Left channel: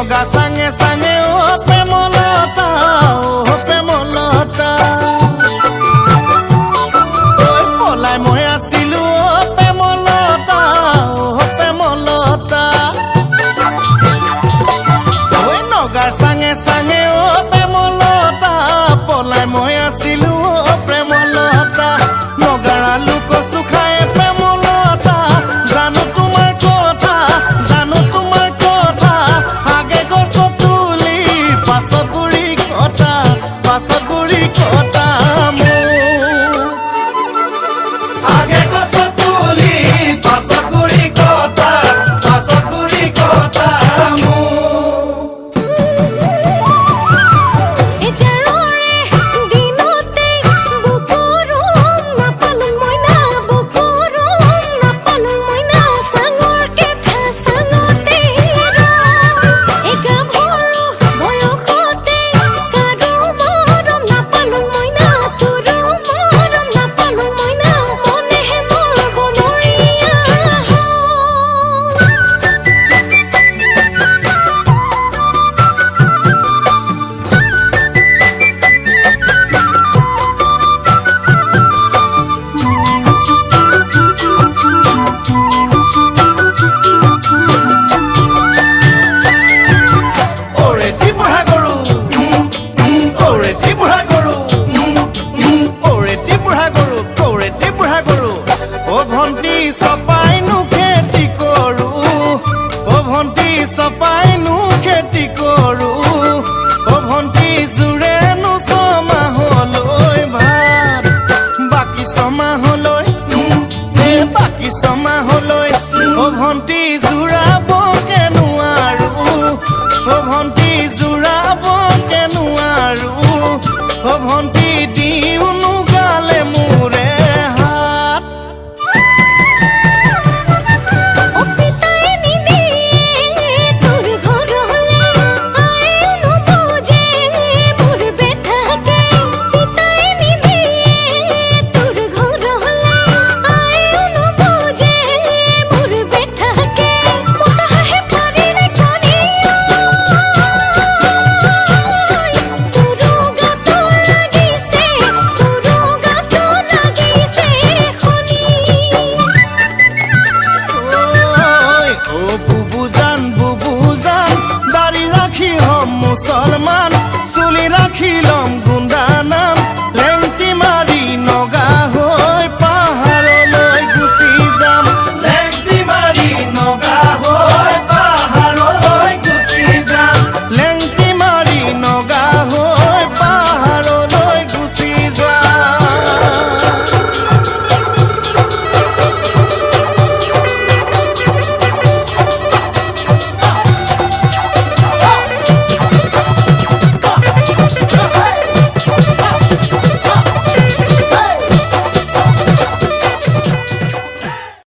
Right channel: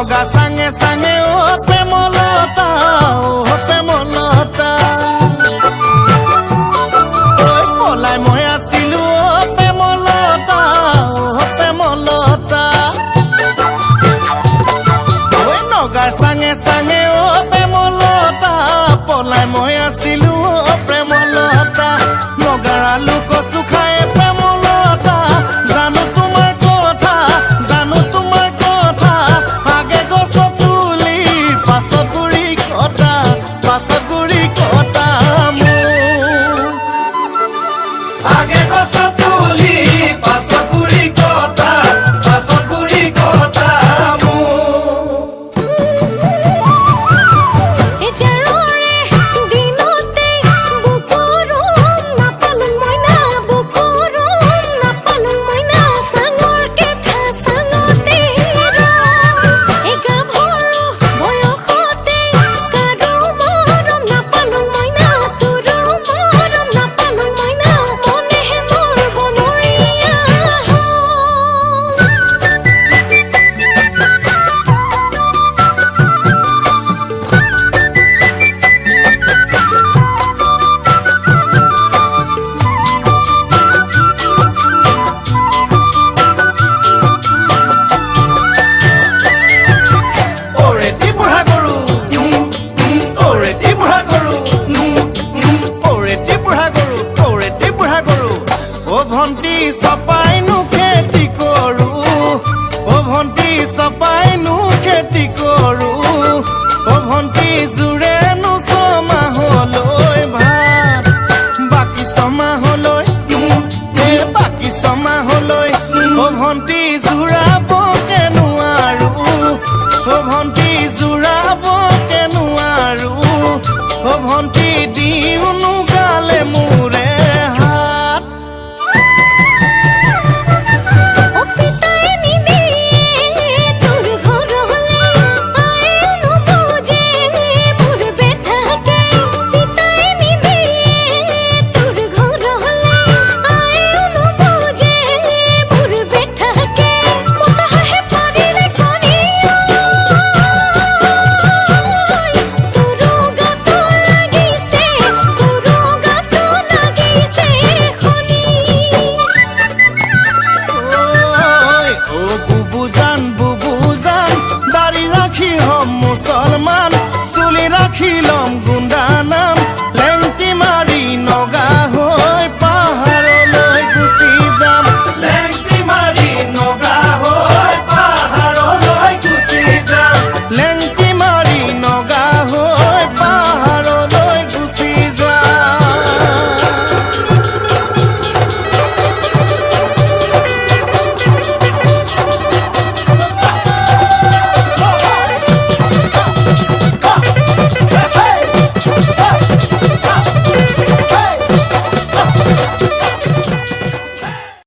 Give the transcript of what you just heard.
নগা চাঙে চাঙে ও প্ৰেমলতা ও প্ৰেমলতা ঐ পলাই মই আছিলো ও প্ৰেমলতা ও প্ৰেমলতা ঐ নগাৰ চাঙে চাঙে ও প্ৰেমলতা পলাই মই আছিলো ও প্ৰেমলতা নগাৰ আলু কচু খাই প্ৰেমলতা জানো তোমাৰ কথা জানো তোমাৰ কথা আগে গছ তুলি পাছত গুৰি কটা মোৰ আগে গছ তুলি পাছত গুৰি কটা মোৰ ভন্টি চপাইনো খেতি কৰো ও ভন্টি চপাইনো খেতি কৰো ও ভন্টি জুৰেনো ছমাহলৈ ভাত বাকি ছমাহলৈ বাকি ছমাহলৈ ও ভন্টি জুৰাব কেনুৱাৰো ও ভন্টি জুৰাব কেনুৱাৰো ও ভন্টি দিউনো গালে মোৰে হাত বুবুজান দাড়ি ৰাখি হম মুসলমান চুলি ৰাখি লম গুন্ডা নাম